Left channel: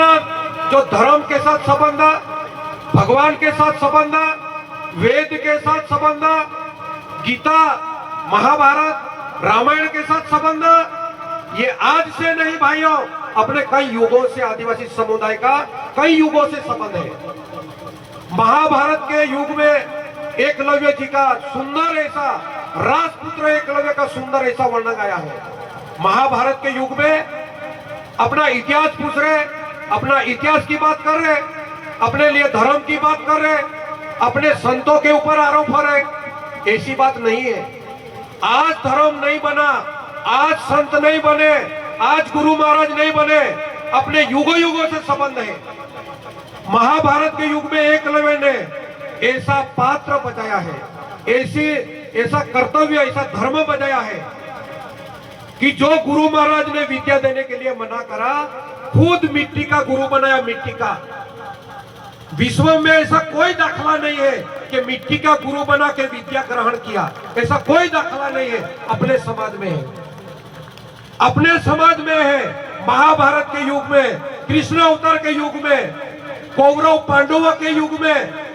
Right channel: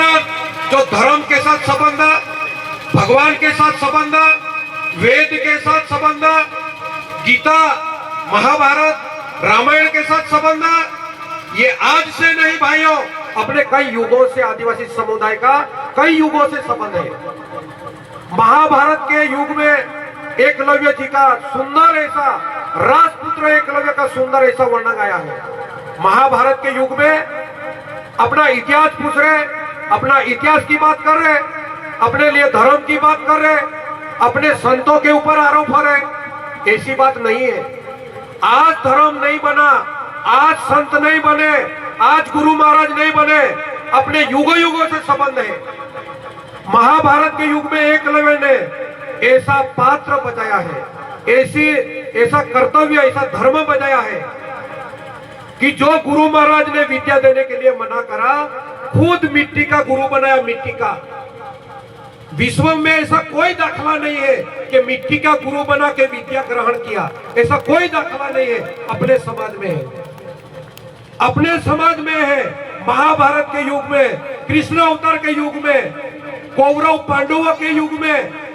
अपना जो धर्म के साथ संबंध, भगवान के साथ संबंध, वेद के साथ संबंध, गीता, महाभारत, रामायण के साथ संबंध, ये आज से नहीं भाइयों, अपने कई युगों से आदिवासी समुदाय का कई युगों से संबंध है। महाभारत के युग में एकलव्य जी का सुंदर ऐसा, राजपुत्र एकलव्य का सुंदर ऐसा वर्णन आया है। महाभारत के युग में अपना इतिहास पूछ रहे, अपना इतिहास की बात कर रहे, अपने लिए धर्म की बात कर रहे, अपने संतों के ऊपर आरोप हो रहे। ऐसी बात नहीं है। आज धर्म नहीं बना, आज संत नहीं बने, आज गुरु महाराज नहीं बने, अपने युगों युगों से संबंध है। महाभारत के युग में एकलव्य ने ऐसा पात्र बजाया है, ऐसा कर्तव्य, ऐसा धर्म बजाया है कि जो गुरु महाराज ने विद्या देने के लिए मना करा, खुद मिट्टी का गुरु बनाया। मिट्टी का, विश्व में ऐसा कोई दाखला नहीं है कि मिट्टी का गुरु बना के विद्या ग्रहण किया, ऐसा कोई दाखला नहीं है। अपने समाज में है, अपने समाज में है। महाभारत के युग में, कृष्ण अवतार के युग में, कौरव पांडवों के युग में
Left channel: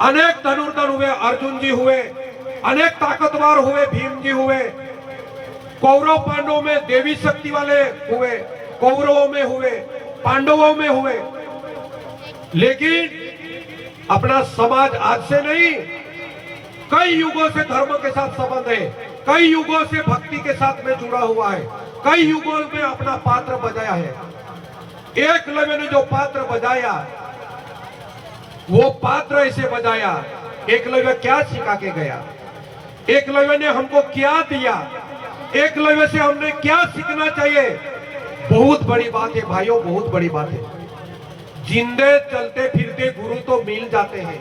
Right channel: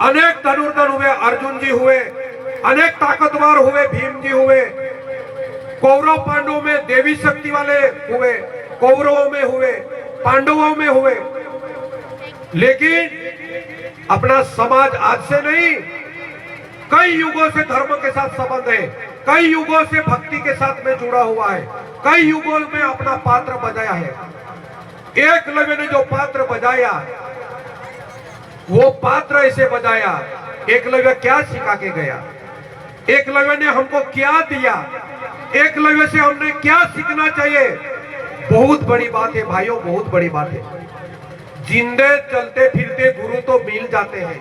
अनेक धनुर्धर हुए, अर्जुन जी हुए, अनेक ताकतवर हुए, भीम जी हुए। कौरव पांडवों में देवी शक्ति वाले हुए, कौरवों में हुए, पांडवों में हुए। लेकिन अपना समाज आज से नहीं, कई युगों से धर्म के साथ संबंध है, कई युगों से भक्ति के साथ में जुड़ा हुआ है, कई युगों में अपना पात्र बजाया है। एकलव्य ने जो पात्र बजाया, वो पात्र ऐसे बजाया। एकलव्य क्या सिखा के गया, एकलव्य ने हमको क्या दिया, एकलव्य से हमने क्या सीखना चाहिए? बहुत बड़ी बात है भाइयों, बहुत बड़ी बात है। जिंदे चलते फिरते गुरु तो मिल जाते हैं।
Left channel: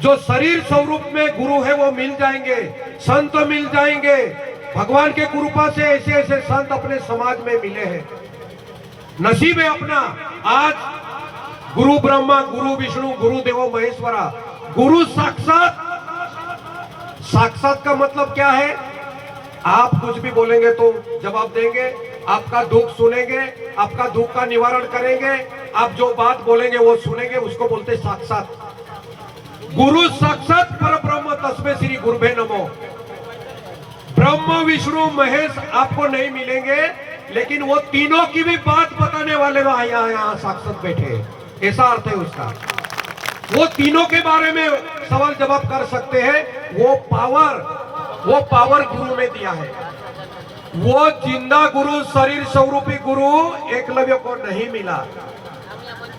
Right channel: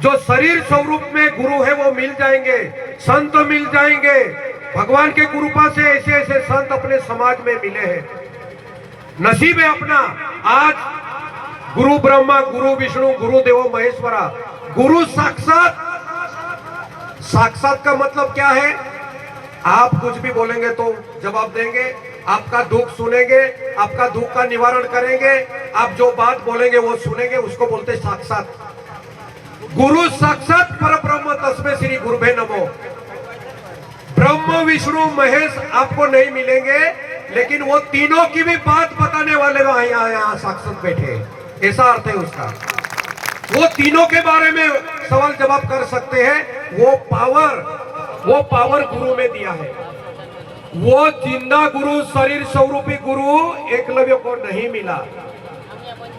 जो शरीर स्वरूप में गुरु है वो मिल जाएंगे, संत मिल जाएंगे। भगवान के कृपा से ऐसे ऐसे संत अपने समाज में मिले हैं। नसीब है अपना। आज गुरु ब्रह्मा, गुरु विष्णु, गुरु देवो महेश्वरा, गुरु साक्षात। साक्षात का मतलब क्या है? आप कुछ भी बोलेंगे तो जवाब देंगे, आपका दुख सुनेंगे, आपका दुख का निवारण करेंगे, आप जो बात बोलेंगे वो सुनेंगे, उसको बोलते साक्षात। गुरु साक्षात परब्रह्म तस्मै श्री गुरुभे नमो। ब्रह्म विष्णु महेश आपको नहीं मिलेंगे, लेकिन वो तीनों की भी बात बताने वाले यहाँ साक्षात बैठे, ऐसा अर्थ है उसका। वो तीनों के बारे में सवाल जवाब कर सकते हैं। वो पावर गुरु ने दिया है। वो जिंदा गुरु, शरीर स्वरूपी गुरु एकलव्य को नहीं मिला,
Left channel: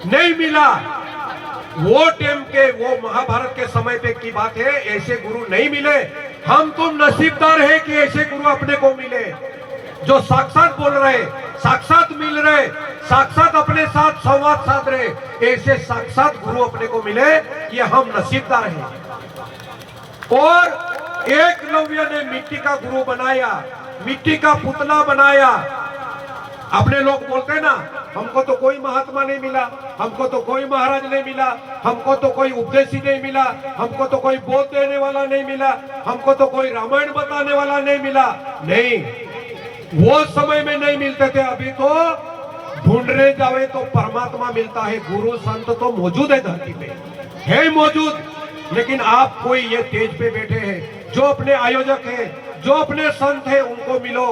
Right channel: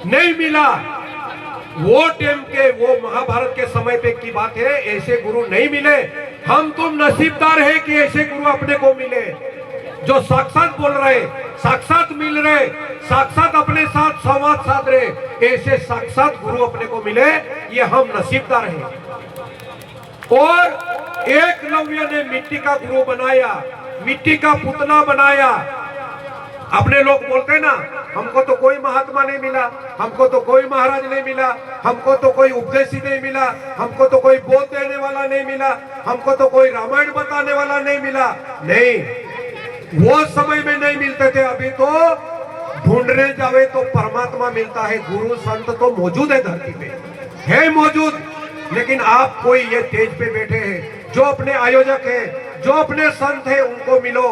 नहीं मिला। वो टाइम के, वो महाभारत के समय पे की बात है, ऐसे गुरु नहीं मिले। हम तुम नसीबदार है कि ऐसे गुरु अपने को मिले, जो साक्षात बोल रहे, साक्षात मिल रहे, साक्षात अपने साथ संवाद साध रहे। ऐसे साक्षात गुरु अपने को मिले, ये हम नसीबदार हैं। और एकलव्य ने मिट्टी का गुरु बनाया, मिट्टी का पुतला बनाया। अपने लोग बोलते हैं ना, हमको तो कोई महात्मा नहीं मिला, हमको तो कोई महाराज नहीं मिला, हमको तो कोई उपदेशी नहीं मिला, हमको तो कोई बोध देने वाला नहीं मिला, हमको तो कोई रामायण बताने वाला नहीं मिला। नहीं, वो समय में नहीं मिलते थे। अभी तो ढूंढने जावे तो परमात्मा मिलता है। गुरु संत तो मौजूद है, धरती पे है मौजूद। लेकिन आप कोई ये स्टेज पे बैठे हैं, जो अपने आयोजक है, जो अपने संत है, उनको मिलो।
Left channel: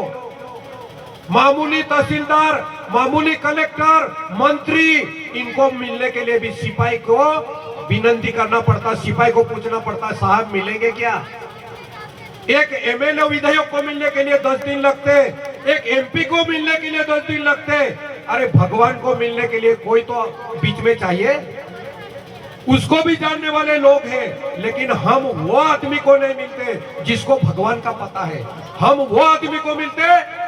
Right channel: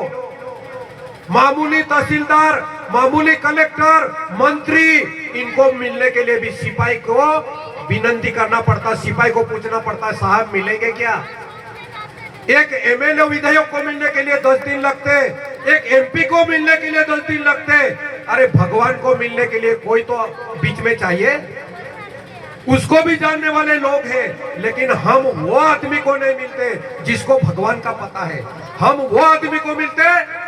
मामूली तहसीलदार, मामूली कलेक्टर, मंत्री, इनको मिलने के लिए भी सिपाही को विनती करना पड़ता, सिपाही को पूछना पड़ता है, साहब मिलेंगे क्या? एक एमएलए विधायक को मिलने के लिए 10 दिन लगते, एक एमपी को मिलने के लिए 10 दिन लगते। अरे भगवान को मिलने के लिए कोई तो बीच में चाहिए, उसको भी जानने वाले लोग हैं। लेकिन हम वो आदमी को नहीं मिलते जिसको भगवान का पता है। हम वो आदमी को मिलते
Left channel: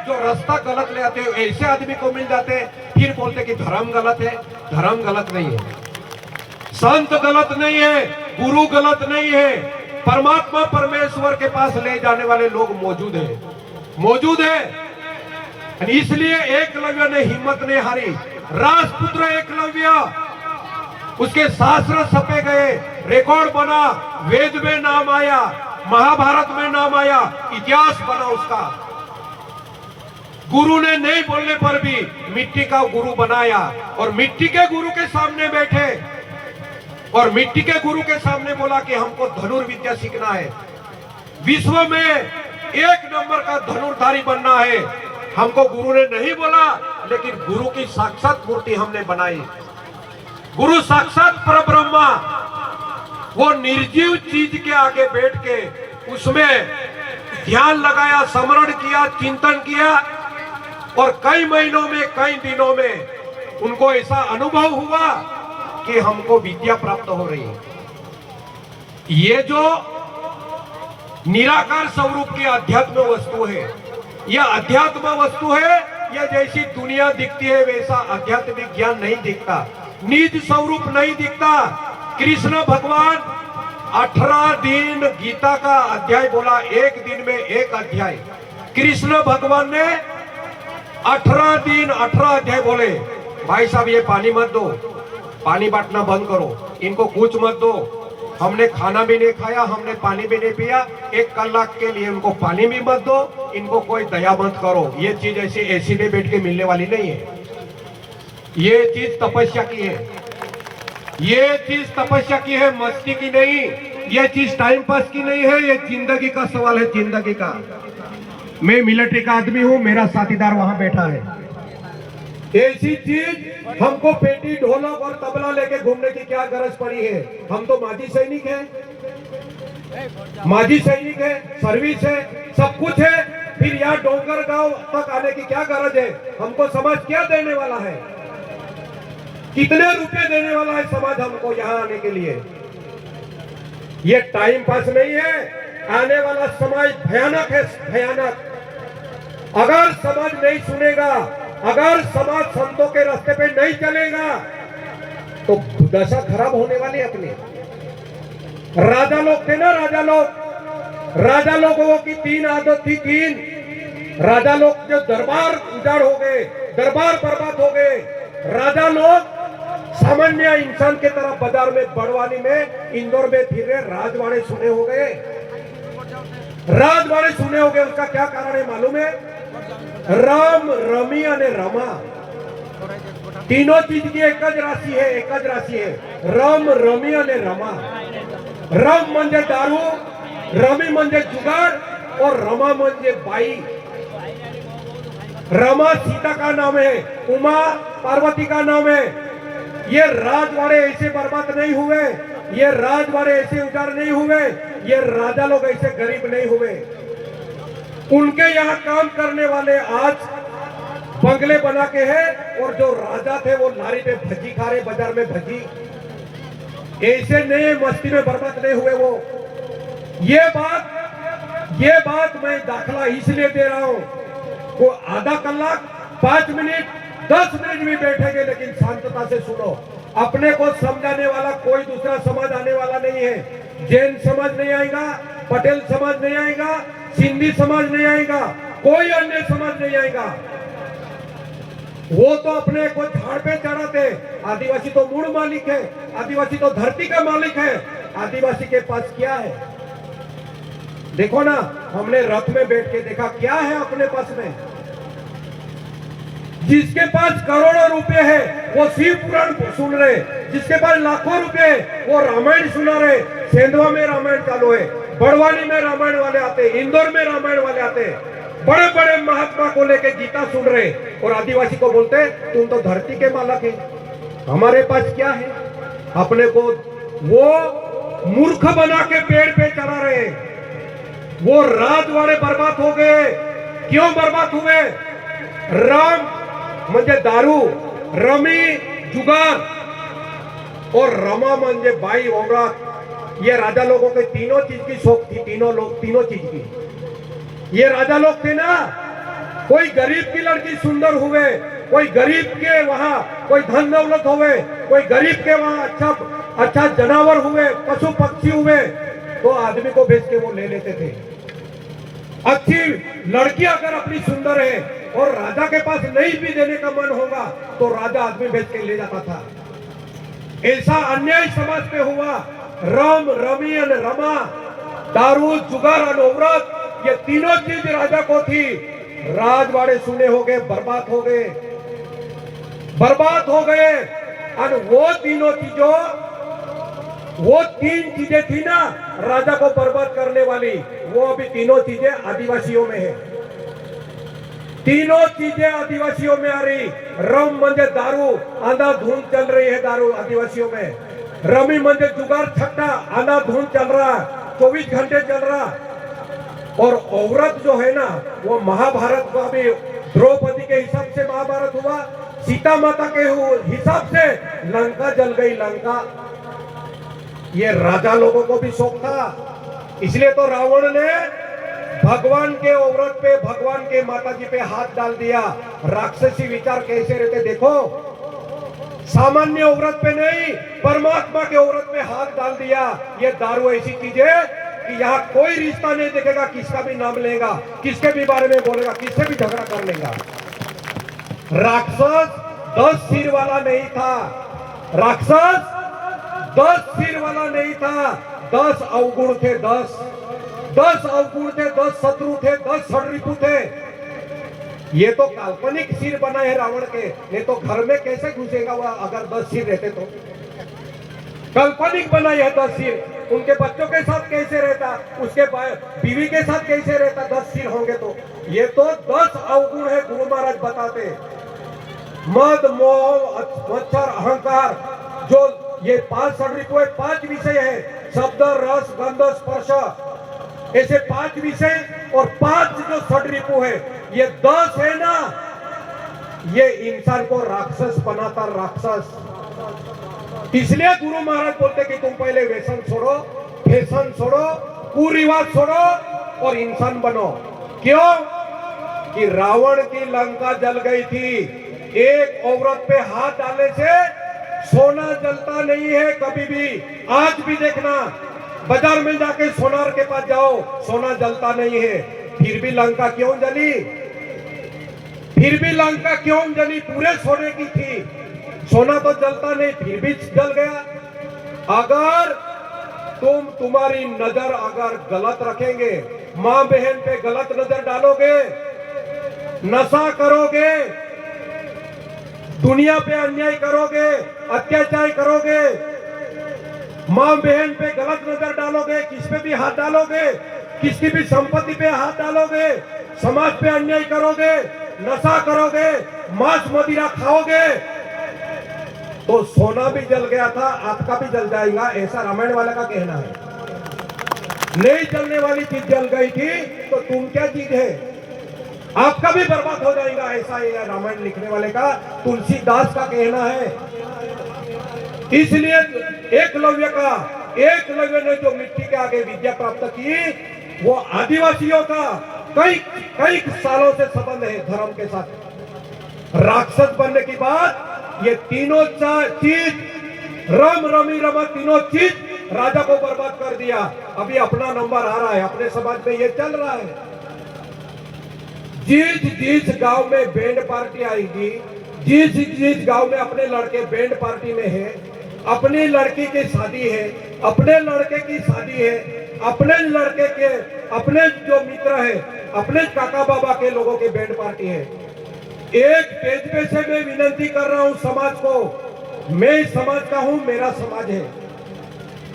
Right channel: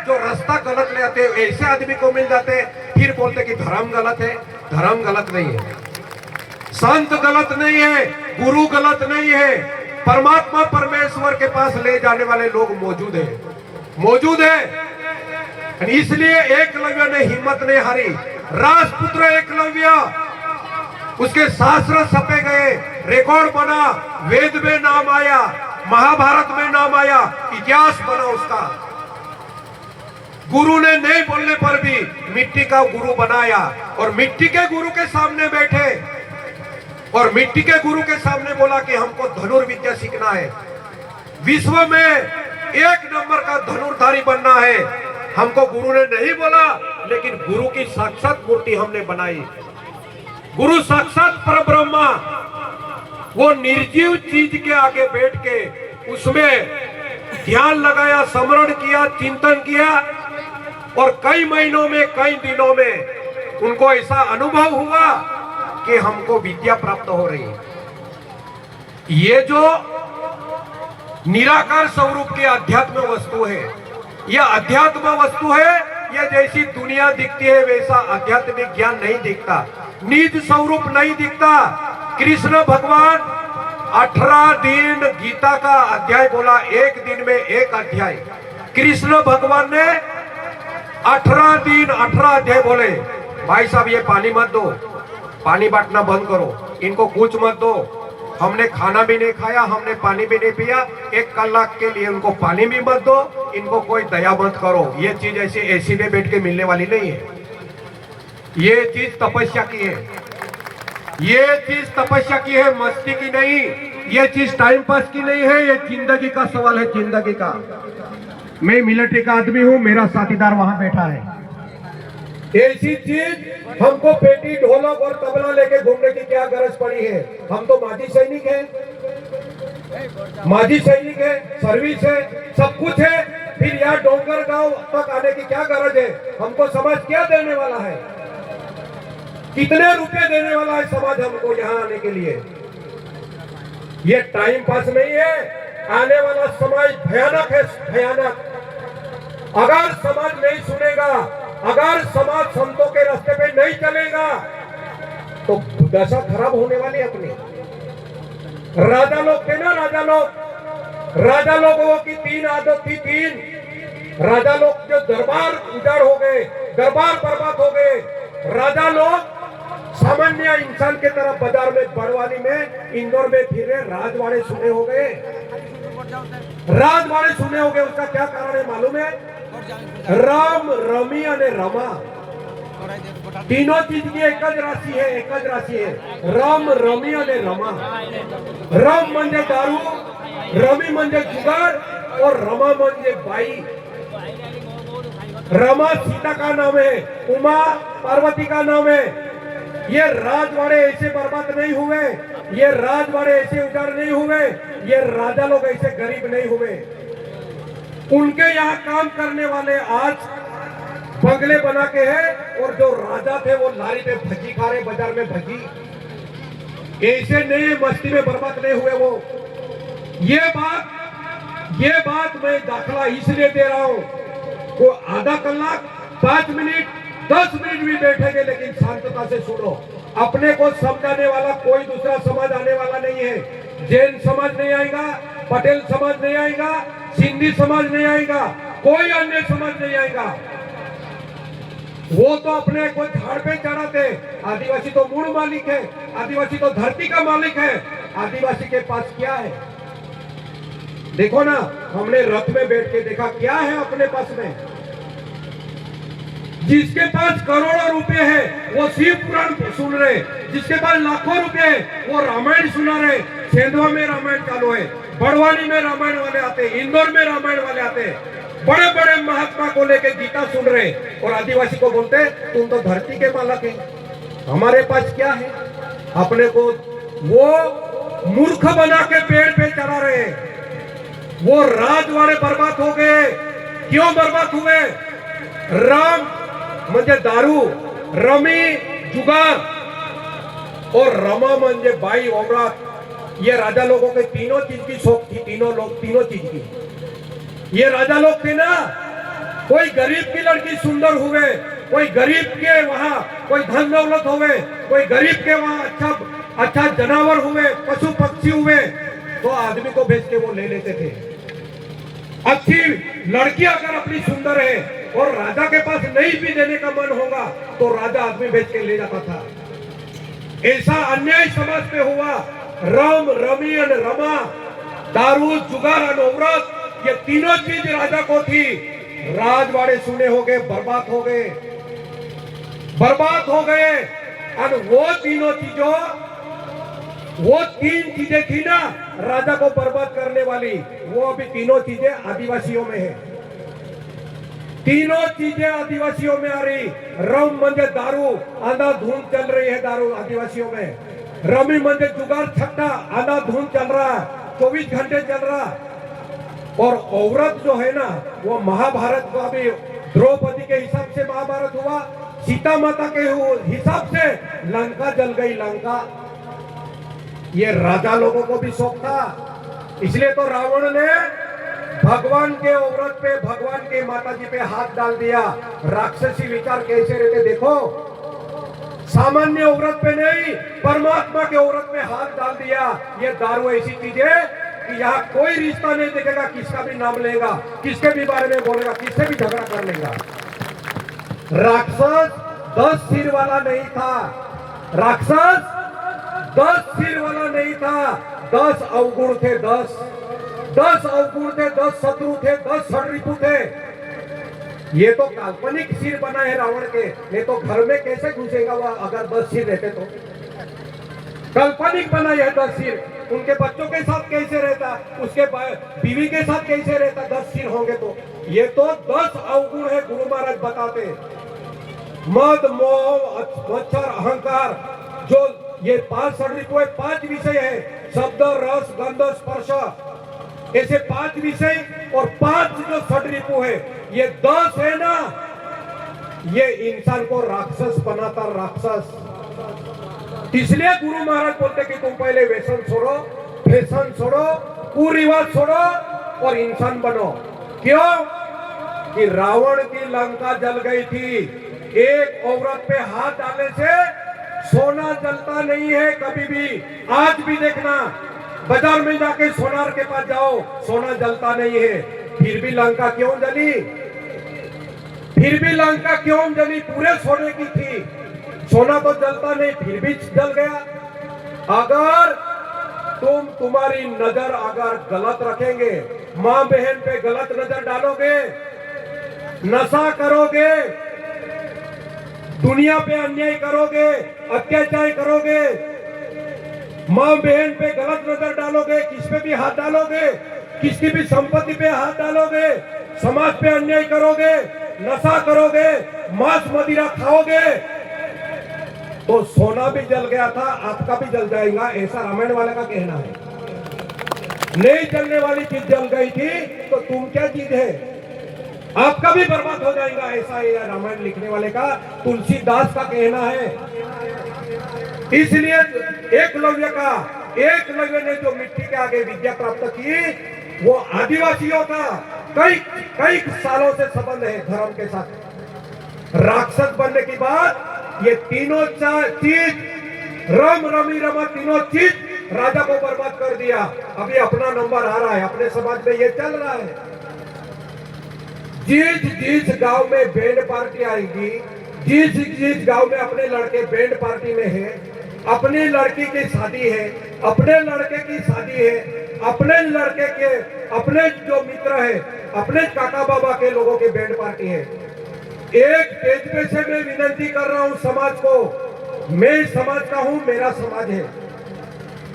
जो रास्ता गलत ले आते, ऐसे आदमी को मिल जाते, फिर बोलते कि धर्म गलत है। धर्म गलत नहीं है, संत गलत नहीं है, गुरु गलत नहीं है। परमात्मा परमेश्वर के पास ले जाने वाले लोग मौजूद है, मौजूद है। इसलिए एकलव्य ने हिम्मत नहीं हारी। राजपुत्र एकलव्य, उसके शास्त्र छपे गए, रिकॉर्ड बना, वेद में नाम आया, महाभारत में नाम आया, इतिहास बना उसका। गुरु ने नहीं बोलने पर भी मिट्टी का गुरु बनाया और मिट्टी के गुरु के सामने बैठे और मिट्टी के गुरु के सामने बोला कि हमको धनुर्विद्या सीखना है, विश्व में एक नंबर का धनुर्धारी बनना है। हमको गुरु ने नहीं बोला, लेकिन गुरु की साक्षात मूर्ति हमने बनाई। गुरु साक्षात परब्रह्मा, वो निर्जीव चीज के आगे बैठ के उसमें ध्यान लगाया, स्मरण किया, चिंतन किया और कई महीनों में, कई दिनों में उनको ऐसा अनुभव हुआ कि हमको विद्या प्राप्त हो रही है। ये जो निराकार स्वरूप की अध्यात्म वस्तु है, यह अध्यात्म वस्तु है। ये जैसी दुनिया दिखती है वैसा आध्यात्मिक ज्ञान नहीं दिखता, निज स्वरूप नहीं दिखता। कृष्ण भगवान 18 दिन गीता का अध्याय बोला, एक दिन में एक अध्याय। कृष्ण भगवान ने 18 दिन 18 अध्याय बोले, भाई साहब ये पानी मत दो, पानी बांटना बंद करो, इनको कुछ मत दो, हमने खाना भी नहीं खाया, हमने पानी भी नहीं पिया, 1 कलाक के लिए उनको पानी भी मत दो, इनको कोई दया मत करो। ये चीज ऐसे एसी में बैठ के मिलने वाली नहीं है, ये चीज तपस्या की है, ये चीज तपस्या की है, मस्ती की नहीं। ये चीज टाइम पास की नहीं है, ये जिंदगी का सवाल है, जिंदगी का। मैं मिलिट्री का आदमी हूं, मेरा साथीदार वहां बैठा है। ऐसी चीज हमको पेटी, ढोलक और तबला लेके घूमने की क्या गरज पड़ी है? हम तो माजी सैनिक है, माजी सैनिक है, सर्विस है, सब कुछ है, फिर यहाँ डोंगर गांव तक आने की क्या गरज है? हमको समाज क्या देने वाला है? कितने रुपए देने वाला है समाज हमको यहाँ आने के लिए? ये टाइम पास नहीं है। आने वाला समाज भयानक है, भयानक। अगर समाज नहीं सुनेगा, अगर समाज संतों के रास्ते पे नहीं चलेगा तो दशा खराब होने वाली अपने। राजा लोग थे ना, राजा लोगों की 3 आदत थी, 3 राजा लोग जो दरबार उजाड़ हो गए, दरबार बर्बाद हो गए। राजा लोग सामान्य इंसान के तरफ बाजार में, बड़वानी में, इंदौर में फिर रहे, राजवाड़े सुने हो गए, राजवाड़े सुने हो गए। उसका क्या कारण है मालूम है? राम, रमी और रमा, तीनों चीज की एक ज राशि है, एक ज राशि है। राम, रमी और रमा। राम म्हणजे दारू, रमी म्हणजे जुगाड़ और रमा म्हणजे बाई। रमा सीता का नाम है, उमा पार्वती का नाम है। ये राजवाड़े ऐसे बर्बाद नहीं हुए, ये राजवाड़े ऐसे उजाड़ नहीं हुए, ये राजा लोग ऐसे गरीब नहीं हुए। उनके यहाँ काम करने वाले आज बंगले बना के हैं और जो राजा थे वो लारी पे भजी खा रहे, बाजार में भजी। ऐसे नहीं, मस्ती में बर्बाद नहीं हुए वो। ये बात मैं दाखला इसलिए दे रहा हूं, वो आधा कलाक, 5 मिनट, 10 मिनट भी बैठेंगे, लेकिन शांतता से सुनो। अपने को समझाने वाला कोई दूसरा समाज आने वाला नहीं है। जैन समाज नहीं आएगा, पटेल समाज नहीं आएगा, सिंधी समाज नहीं आएगा, कोई अन्य समाज नहीं आएगा। वो तो अपने को झाड़ पे चढ़ाते। आदिवासी तो मूल मालिक है, आदिवासी तो धरती का मालिक है। आदिवासी के पास क्या है? देखो ना, हमने रथ में बैठ के देखा, क्या है अपने पास में? जिसके पास करोड़ों रुपए है वो शिव पुराण सुन रहे, जिसके पास लाखों रुपए है वो रामायण सुना रहे। सेंधवा में रामायण चालू है, बड़वानी में रामायण वाले आते, इंदौर में रामायण वाले आते, बड़े बड़े महात्मा को लेके गीता सुन रहे। और आदिवासी को बोलते तुम तो धरती के मालक है, हमारे पास क्या है? अपने को वो मूर्ख बना के पेड़ पे चढ़ा रहे। वो राजवाड़े बर्बाद हो गए। क्यों बर्बाद हुए? राम म्हणजे दारू, रमी जुगार और रमा म्हणजे बाई औरत। ये राजा लोगों के तीनों चीज की शौक थी, तीनों चीज की। ये राजा लोग थे ना, कोई गरीब की लड़की सुंदर हुए, कोई गरीब के वहां कोई धन दौलत हुए, कोई गरीब के वहां अच्छा जानवर हुए, पशु पक्षी हुए, तो आदमी को भेज के वो ले लेते थे। अच्छी लड़की अगर अपनी सुंदर है और राजा के पास नहीं भी देने का मन होगा तो राजा आदमी भेज के ले जाता था। ऐसा अन्याय समाज पे हुआ। राम, रमी और रमा, दारू, जुगार और औरत, ये तीनों चीज राजा को थी। राजवाड़े सुने हो गए, बर्बाद हो गए, बर्बाद हो गए। और वो तीनों चीजों, वो तीन चीजें थी ना राजा को बर्बाद करने वाली, वो अभी तीनों चीजें आदिवासियों में है। तीनों चीजें आदिवासियों में आ रही। रम मंजे दारू, अंधाधुंध चल रही है दारू आदिवासियों में। रमी मंजे जुगाड़ छट्टा, अंधाधुंध चल रहा, 24 घंटे चल रहा। और औरत जो है ना, वो महाभारत का भी द्रौपदी के हिसाब से महाभारत हुआ, सीता माता के हिसाब से लंका जल गई लंका। ये राजा लोगों को भी शौक था, इसलिए तो रावण ने भगवान के औरत पे, भगवान के माता जी पे हाथ डाल दिया। राक्षसी विचार कैसे रहते देखो, सामान्य औरत पे नहीं, परमात्मा के औरत पे हाथ डाल दिया। ये दारू ऐसी चीज है कि यहाँ कोई रिश्ता नहीं देखेगा, किसका भी नाम लेगा, किसके भी बारे में बोलेगा, किससे भी झगड़ा कर लेगा। राक्षस 10 सिर वाला नहीं था, राक्षस 10 सिर वाला नहीं था, 10 अवगुण थे, 10 अवगुण थे, 10 शत्रु थे, 10 षड्रिपु थे। ये तो काल्पनिक सिर बना है रावण के, नहीं तो घर में कैसे घुसेगा वह अगर 10 सिर रहते तो। काल्पनिक बना है 10 सिर, उनके बच्चों के साथ कैसे रहता, उसके बीवी के साथ कैसे रहता 10 सिर होंगे तो। ये तो 10 अवगुण है, गुरु महाराज बताते। मद, मोह, मच्छर, अहंकार, जो ये 5 षड्रिपु है, 5 विषय है, शब्द, रस, गंध, स्पर्श, ऐसे 5 विषय और 5 जो षड्रिपु है, ये 10 है ना, ये इंसान को राक्षस बनाता, राक्षस। इसलिए गुरु महाराज बोलते कि तुम पहले व्यसन छोड़ो, फैशन छोड़ो, कुरिवाज छोड़ो और इंसान बनो। क्यों? कि रावण की लंका जल गई थी। एक औरत पे हाथ डालने से सोना जलता नहीं है कभी भी। आज भी देखना, बाजार में जाके सोनार के पास जाओ, सोना जलता नहीं है। फिर भी लंका क्यों जली? फिर भी लंका क्यों जली? पूरे सोने की थी, सोना तो जलता नहीं, फिर भी जल गया। अगर तुम्हारी नजर अगर गलत रखेंगे, मां बहन पे गलत नजर डालोगे, नशा करोगे, दुनिया पे अन्याय करोगे, अत्याचार करोगे, मां बहन पे गलत नजर डालोगे, किस पे भी हाथ डालोगे, किसकी भी संपत्ति पे हाथ डालोगे, समाज पे अन्याय करोगे, नशा करोगे, मांस मदिरा खाओगे, तो सोना भी जल गया था, आपका भी जल जाएगा, ऐसा रामायण वाले का कहना है। नहीं जलने वाली चीज जल गई थी तो तुम क्या चीज है, आपका भी बर्बाद हो जाएगा, ऐसा ये रामायण लिखने वाले का, तुलसीदास का कहना है। इसलिए एकलव्य ने जो मिट्टी के आगे विद्या प्राप्त की, वो आदिवासियों का कई सालों से संबंध है धर्म के साथ। राक्षस बनने की बात, ये तीनों चीज, रम रमी रमा, तीनों चीज राजा को बर्बाद कर दिया। अभी अपना नंबर आ रहा है, अपने समाज में ये चल रहा है। जिस गांव में बैंड पार्टी आएगी, जिस गांव में अपने लड़के बैंड पार्टी में है, अपनी लड़की की शादी है, अपने लड़के की शादी है, अपने लड़के के अपने जो मित्र है, अपने काका बाबा के लोगों के बैंड पार्टी है। एक पेज पे से मैं विनती कर रहा हूं समाज को, मैं इस समाज का हूं, मेरा समाज है,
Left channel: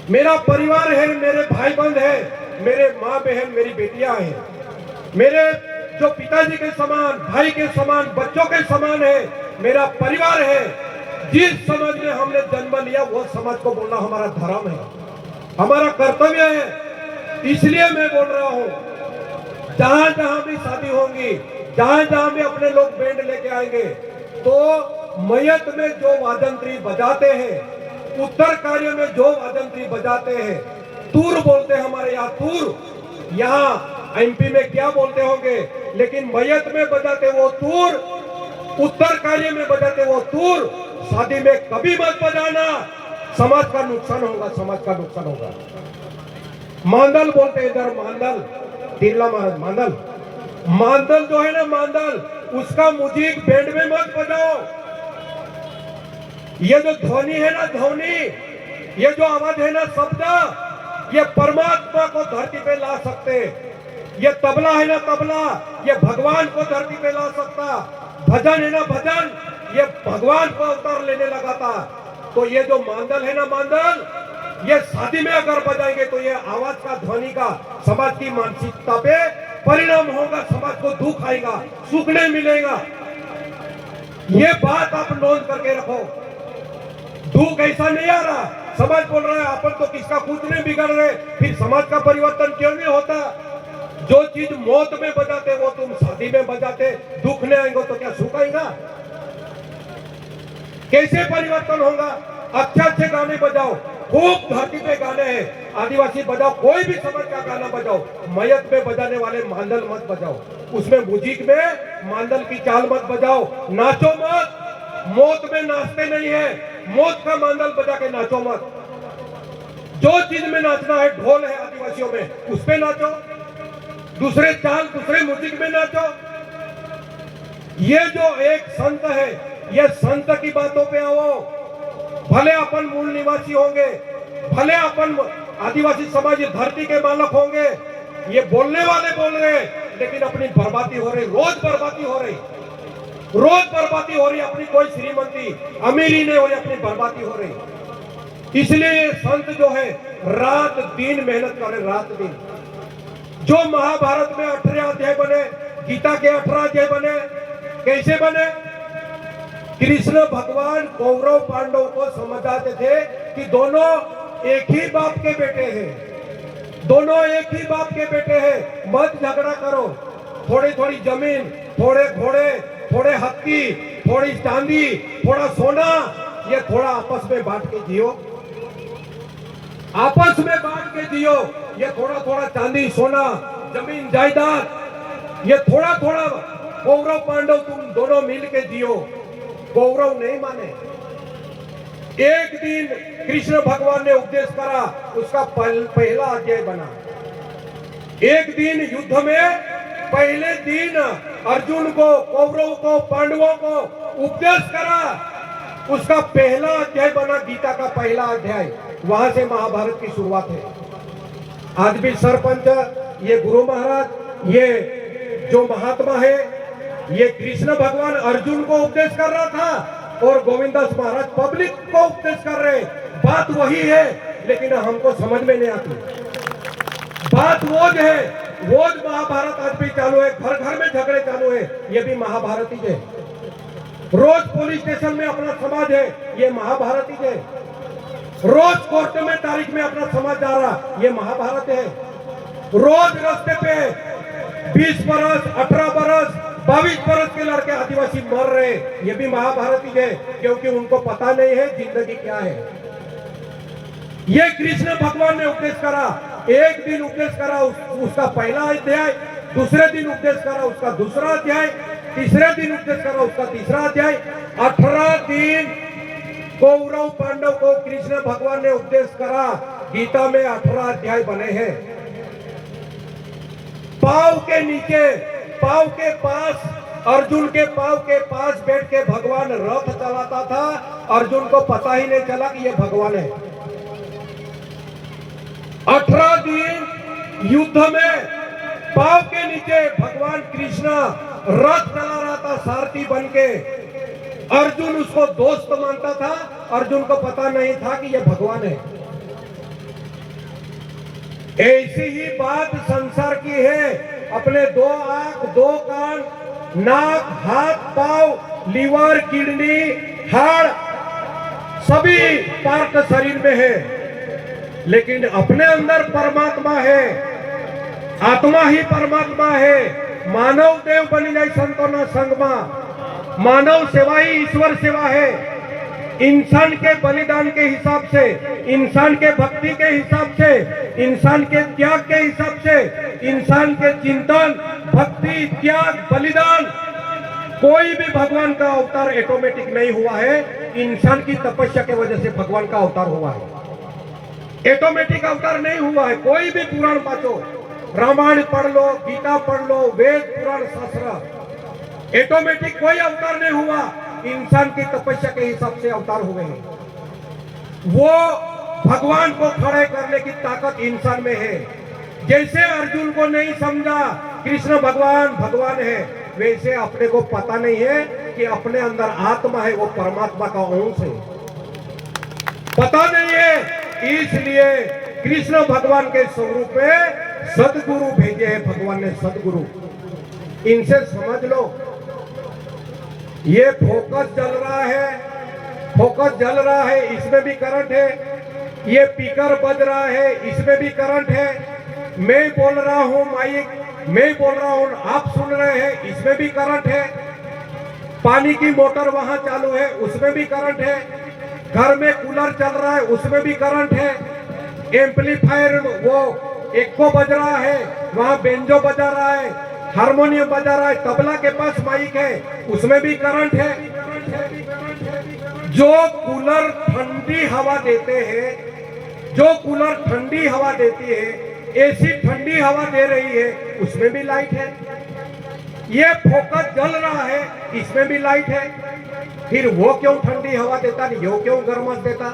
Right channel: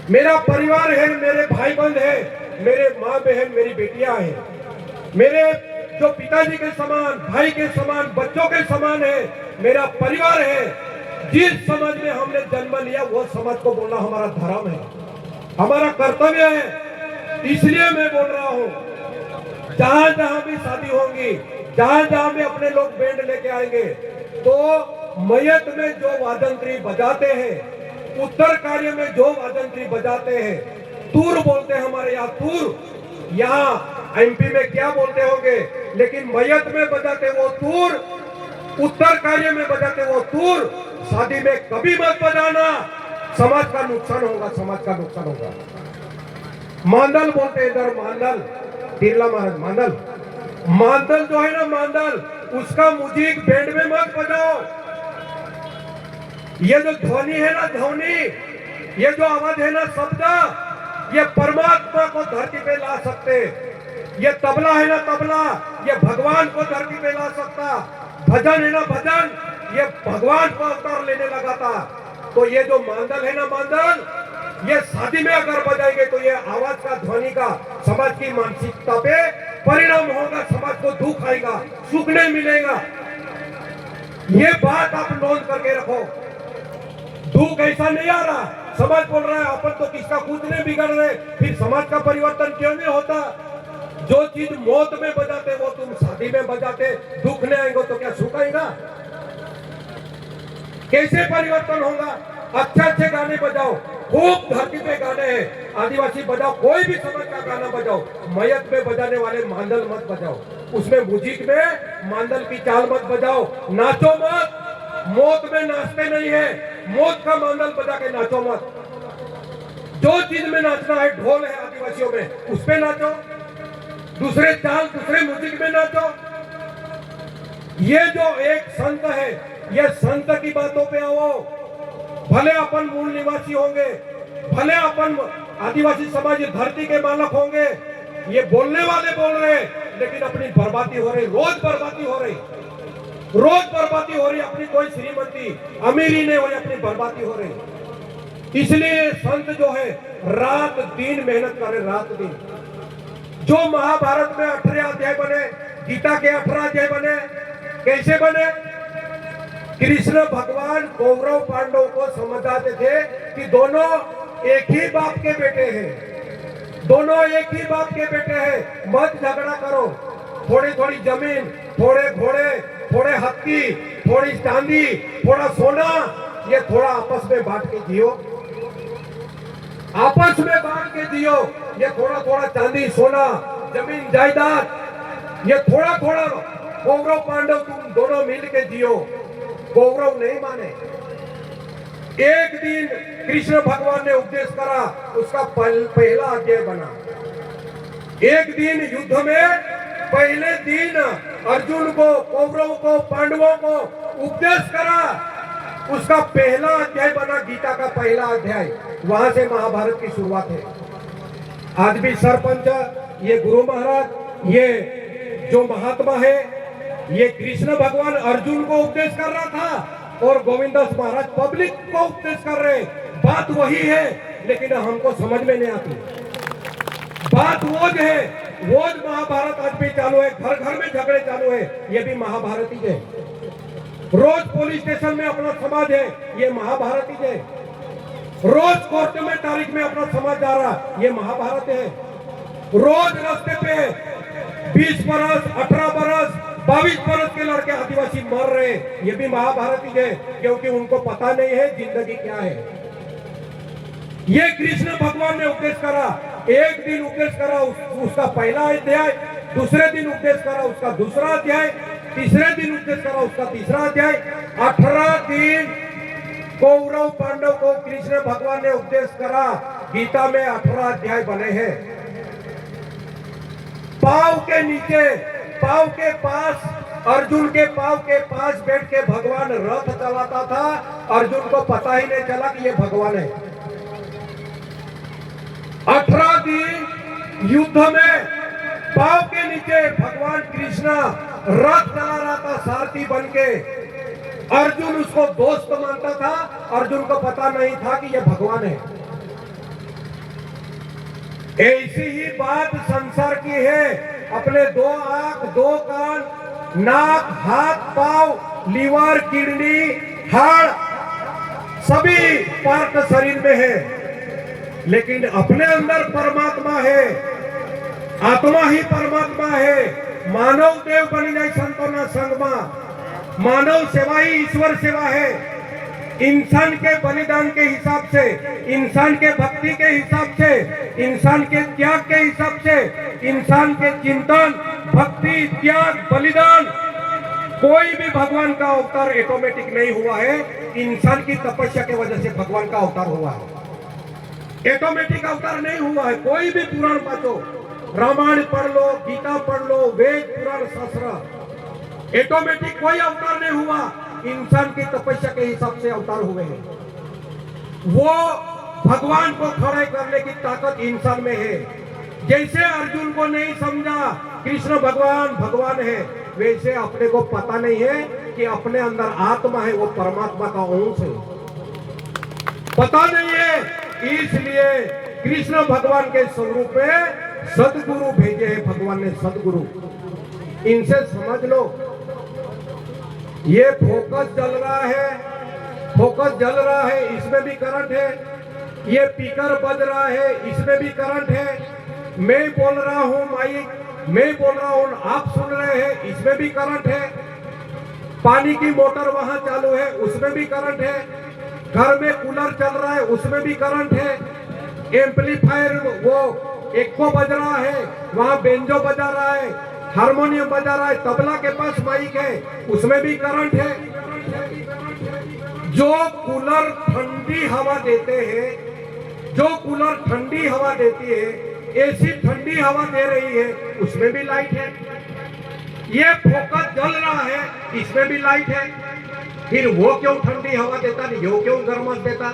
मेरा परिवार है, मेरे भाई बंद है, मेरे माँ बहन, मेरी बेटियां हैं, मेरे जो पिताजी के समान, भाई के समान, बच्चों के समान है, मेरा परिवार है। जिस समाज में हमने जन्म लिया वो समाज को बोलना हमारा धर्म है, हमारा कर्तव्य है। इसलिए मैं बोल रहा हूं, जहां जहां भी शादी होंगी, जहां जहां भी अपने लोग बैंड लेके आएंगे, तो मयत में जो वाजंत्री बजाते हैं, उत्तर कार्य में जो वाजंत्री बजाते हैं, तूर बोलते हैं हमारे यहाँ, तूर, यहाँ एमपी में क्या बोलते होंगे, लेकिन मयत में बजाते वो तूर, उत्तर कार्य में बजाते वो तूर, शादी में कभी मत बजाना, समाज का नुकसान होगा, समाज का नुकसान होगा। मांदल बोलते हैं इधर, मांदल, तिरला महाराज मांदल, मांदल जो है ना मांदल, उसका म्यूजिक बैंड में मत बजाओ। ये जो ध्वनि है ना, ध्वनि, ये जो आवाज है ना, शब्द, ये परमात्मा को धरती पे ला सकते। ये तबला है ना तबला, ये भगवान को धरती पे ला सकता। भजन है ना भजन, ये भगवान को अवतार लेने लगा था। तो ये जो मांदल है ना मांदल, ये शादी में अगर बजाएंगे तो ये आवाज का ध्वनि का समाज की मानसिकता पे परिणाम होगा, समाज को दुख आएगा, सुख नहीं मिलेगा। ये बात आप नोट करके रखो। दुख ऐसा नहीं आ रहा, समाज बोल रहा है अपन तो किसका कुछ नहीं बिगड़ रहे, फिर समाज का परिवर्तन क्यों नहीं होता? जो चीज मौत में बजाते वो तुम शादी में बजाते, दुख नहीं आएंगे तो क्या सुख आएगा? कैसे परिवर्तन होगा? अच्छे अच्छे गाने बजाओ, खूब धरती पे गाने हैं, आदिवासी बजाओ, कोई भी समाज का गाना बजाओ। मयत में बजाने वाले मांदल मत बजाओ, उसमें म्यूजिक में मांदल की चाल मत बजाओ, नाचो मत। मौत में नाचते नहीं है, मौत का मांदल बजा के नाचो मत। जो चीज में नाचना है, ढोल है आदिवासियों में, उस पे नाचो, दूसरे चाल दूसरे म्यूजिक में नाचो। ये जो एक संत है, ये संत की बातों पे आओ। भले अपन मूल निवासी होंगे, भले अपन आदिवासी समाज धरती के मालक होंगे, ये बोलने वाले बोल रहे हैं, लेकिन अपनी बर्बादी हो रही, रोज बर्बादी हो रही, रोज बर्बादी हो रही। अपनी कोई श्रीमंती अमीरी नहीं हो रही, अपनी बर्बादी हो रही। इसलिए संत जो है रात दिन मेहनत कर रहे, रात दिन। जो महाभारत में 18 अध्याय बने, गीता के 18 अध्याय बने, कैसे बने? कृष्ण भगवान कौरव पांडव को समझाते थे कि दोनों एक ही बाप के बेटे हैं, दोनों एक ही बाप के बेटे हैं, मत झगड़ा करो। थोड़ी थोड़ी जमीन, थोड़े घोड़े, थोड़े हत्ती, थोड़ी चांदी, थोड़ा सोना, ये थोड़ा आपस में बांट के जियो, आपस में बांट के जियो। ये थोड़ा थोड़ा चांदी सोना जमीन जायदाद, ये थोड़ा थोड़ा कौरव पांडव तुम दोनों मिल के जियो। कौरव नहीं माने। एक दिन कृष्ण भगवान ने उपदेश करा, उसका पहला अध्याय बना। एक दिन युद्ध में पहले दिन अर्जुन को, कौरव को, पांडवों को उपदेश करा, उसका पहला अध्याय बना, गीता का पहला अध्याय। वहां से महाभारत की शुरुआत है। आज भी सरपंच, ये गुरु महाराज, ये जो महात्मा है, ये कृष्ण भगवान अर्जुन को उपदेश कर रहा था और गोविंदास महाराज पब्लिक को उपदेश कर रहे। बात वही है, लेकिन हमको समझ में नहीं आती। बात वो है, वो महाभारत आज भी चालू है, घर घर में झगड़े चालू है, ये भी महाभारत ही है। रोज पुलिस स्टेशन में अपना समाज है, ये महाभारत ही है। रोज कोर्ट में तारीख में अपना समाज जा रहा, ये महाभारत है। रोज रास्ते पे 20 बरस, 18 बरस, 22 बरस के लड़के आदिवासी मर रहे, ये भी महाभारत ही है, क्योंकि उनको पता नहीं है जिंदगी क्या है। ये कृष्ण भगवान ने उपदेश करा, एक दिन उपदेश करा उसका पहला अध्याय, दूसरे दिन उपदेश करा उसका दूसरा अध्याय, तीसरे दिन उपदेश करा उसका तीसरा अध्याय। 18 दिन कौरव पांडव को कृष्ण भगवान ने उपदेश करा। गीता में 18 अध्याय बने हैं। पाव के नीचे, पाव के पास, अर्जुन के पाव के पास बैठ के भगवान रथ चलाता था। अर्जुन को पता ही नहीं चला कि ये भगवान है। 18 दिन युद्ध में पाव के नीचे भगवान कृष्ण रथ चला रहा था, सारथी बन के। अर्जुन उसको दोस्त मानता था, अर्जुन को पता नहीं था कि यह भगवान है। ऐसी ही बात संसार की है। अपने 2 आंख, 2 कान, नाक, हाथ, पांव, लीवर, किडनी, हाड़, सभी पार्ट शरीर में है, लेकिन अपने अंदर परमात्मा है, आत्मा ही परमात्मा है। मानव देव बनी नहीं संतो ना संगमा, मानव सेवा ही ईश्वर सेवा है। इंसान के बलिदान के हिसाब से, इंसान के भक्ति के हिसाब से, इंसान के त्याग के हिसाब से, इंसान के चिंतन, भक्ति, त्याग, बलिदान, कोई भी भगवान का अवतार ऑटोमेटिक नहीं हुआ है। इंसान की तपस्या की वजह से भगवान का अवतार हुआ है। ऑटोमेटिक अवतार नहीं हुआ है। कोई भी पुराण पाचो, रामायण पढ़ लो, गीता पढ़ लो, वेद, पुराण, शास्त्र, ऑटोमेटिक कोई अवतार नहीं हुआ। इंसान की तपस्या के हिसाब से अवतार हुए हैं। वो भगवान को खड़े करने की ताकत इंसान में है। जैसे अर्जुन को नहीं समझा कृष्ण भगवान भगवान है, वैसे अपने को पता नहीं है कि अपने अंदर आत्मा है, वो परमात्मा का अंश है, पता नहीं है। इसलिए कृष्ण भगवान के स्वरूप में सदगुरु भेजे हैं भगवान ने, सदगुरु। इनसे समझ लो, ये फोकस जल रहा है, फोकस जल रहा है, इसमें भी करंट है। ये स्पीकर बज रहा है, इसमें भी करंट है। मैं बोल रहा हूं, माइक मैं बोल रहा हूं, आप सुन रहे हैं, इसमें भी करंट है। पानी की मोटर वहां चालू है, उसमें भी करंट है। घर में कूलर चल रहा है, उसमें भी करंट है। एम्पलीफायर वो एक को बज रहा है, वहां बेंजो बजा रहा है, हारमोनियम बजा रहा है, तबला के पास माइक है, उसमें भी करंट है। जो कूलर ठंडी हवा देते हैं, जो कूलर ठंडी हवा देती है, एसी ठंडी हवा दे रही है, उसमें भी लाइट है। ये फोकस जल रहा है, इसमें भी लाइट है। फिर वो क्यों ठंडी हवा देता नहीं, वो क्यों गर्माश देता?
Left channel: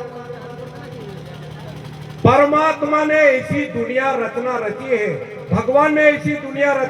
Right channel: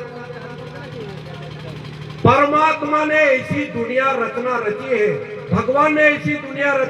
परमात्मा ने ऐसी दुनिया रचना रची है, भगवान ने ऐसी दुनिया रची।